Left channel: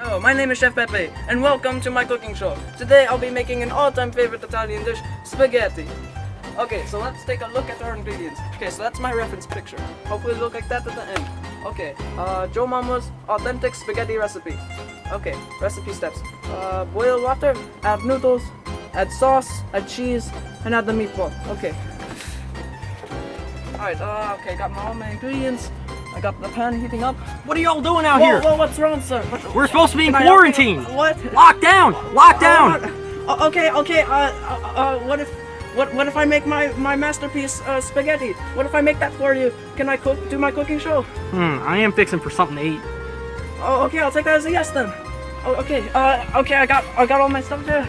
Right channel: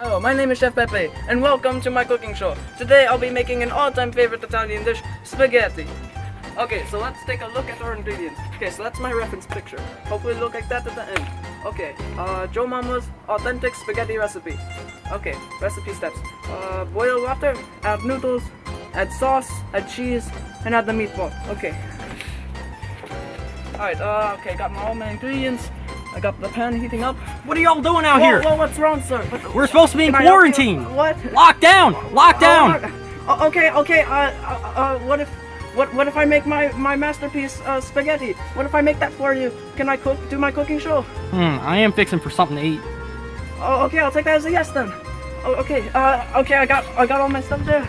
Hello, my name is Chef Pepe, and welcome to my cooking show. Today I'll be making an all-time favorite Italian dish, spaghetti. Okay, so let's take a look at our ingredients. Okay, so that's my reference picture. Hopefully it'll look like that at the end. Okay, Joe Mama's authentic spaghetti recipe. Okay, recipe steps. Boil water, add noodles, add sauce, add cheese, and add the meatball. Okay. Alright, okay, got all my ingredients. I got the pan heating up. What are y'all doing out here? Whoa, what's wrong, sir? We're supposed to be in quarantine. What? Lock down! Lock down! Okay. What if I make my masterpiece spaghetti? What if I make that for you? Can I do my cooking show? I am fixing for something to eat. Oh, okay. I'll take that as a yes then. Oh, okay. Okay. I got all my stuff there.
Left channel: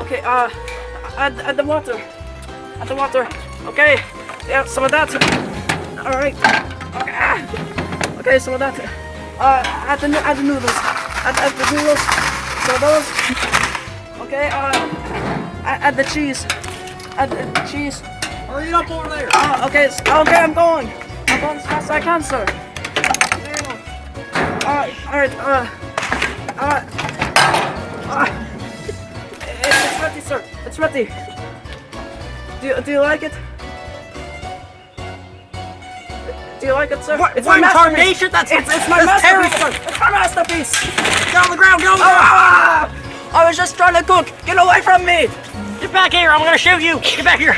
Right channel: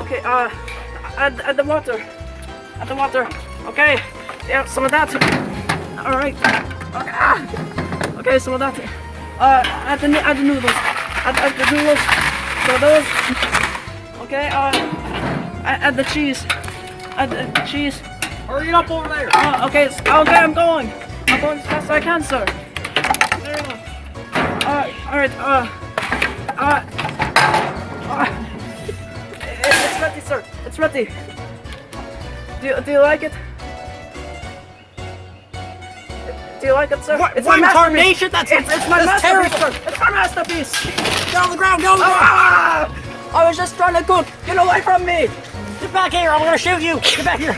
Okay. Add the water. Add the water. Okay. Yeah, some of that. All right. Okay, some of that. Add the noodles. Add the noodles. So those. Okay. Add the cheese. Add the cheese. Hurry it up over there. Okay. Okay, I'm going. I'm going as fast as I can, sir. There we go. All right. It's ready, sir. It's ready. Do you like it? Do you like it, sir? What? It's What my masterpiece. That's my masterpiece, terrible. sir. It's my masterpiece. Get on the ground, go! I was just trying to cook. Get away from me. Get back here, I'm gonna shoot you! Get back here!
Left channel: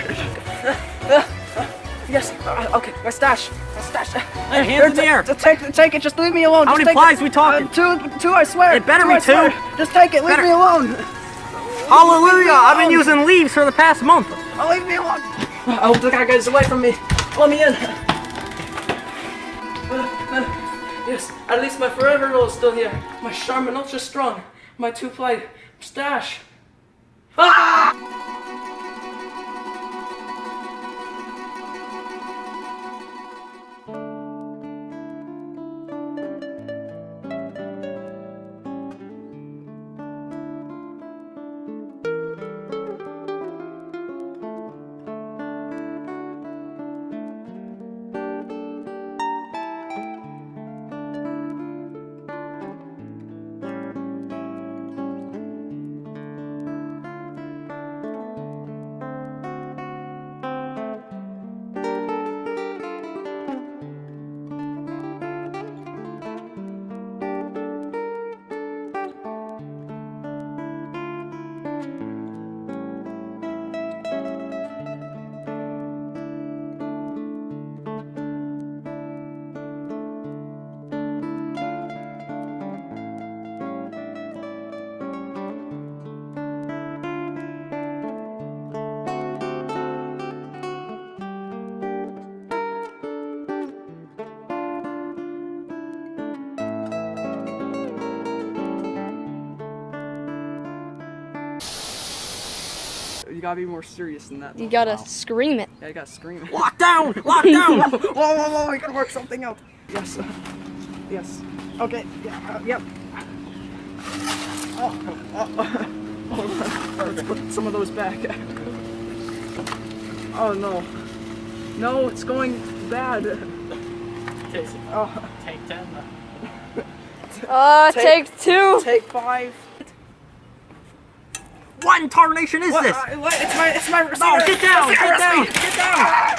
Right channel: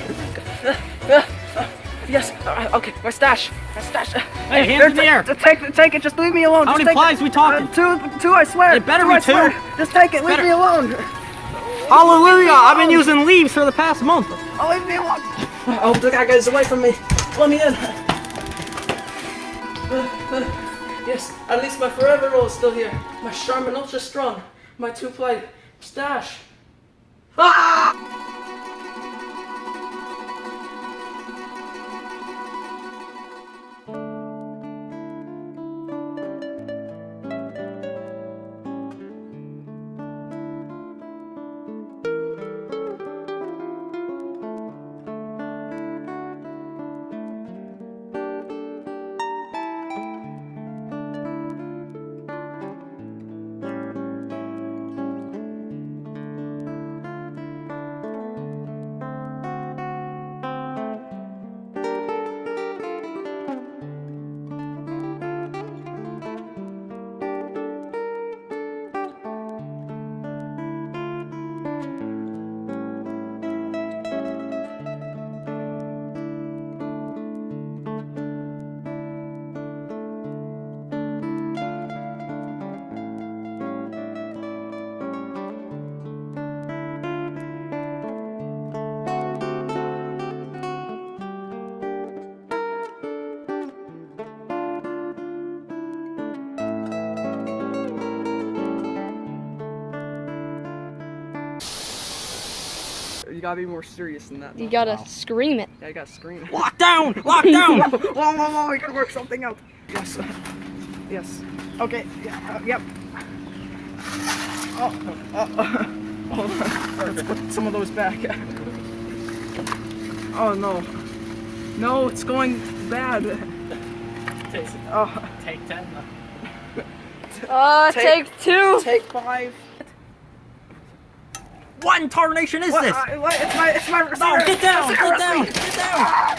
Yes. Okay. My stash. Hey, hands in the air! Take it. Just leave me alone. How Just many take plies it. we talking? Two. I swear. It better Two, be I swear. two. Just take it. Leave Better. me alone. Hallelujah! I've been using leaves for the past month. Oh, leave me alone. I hope the guy gets away from me. Let me in. Yes, at least my forever roll is still here. My Charmin Ultra Strong. My 2-ply stash. Ah! You gotta be more serious than that. You gotta scream it. Yeah, you gotta scream. Lock down! Lock down! Whoa, I gotta work something out. Yes. Yes. Okay, yeah, yep. Let's put some of those back. Oh no. No, it's going bad. Take 10. Take 2. Take 5. What in tarnation is this? It's my No, get down! Get down! Get down!